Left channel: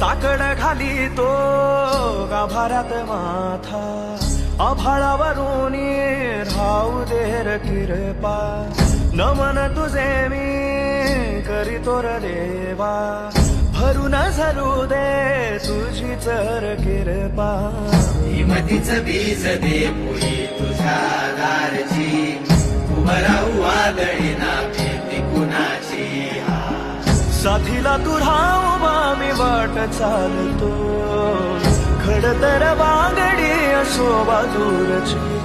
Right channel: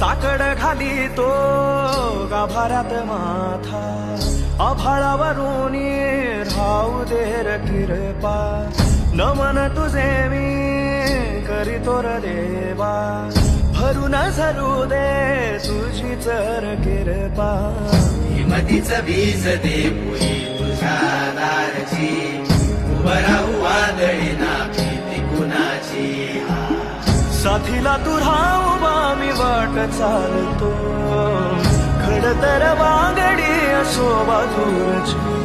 साकड घाली तो गाभाऱ्यात माथा, आभाळावरून राहू दे र कृपा, नमन तुझे मी करीतो र देवा, भरून झरू दे तुझी चर कृपा. हिमतीच बीज दे पुढे तुझ्या दारची, उभं राहू वादळी ना भीती कुणाची. साथीला तू राहूबा मी वाट चालतो, खडतर वागडी असो बाजूरची.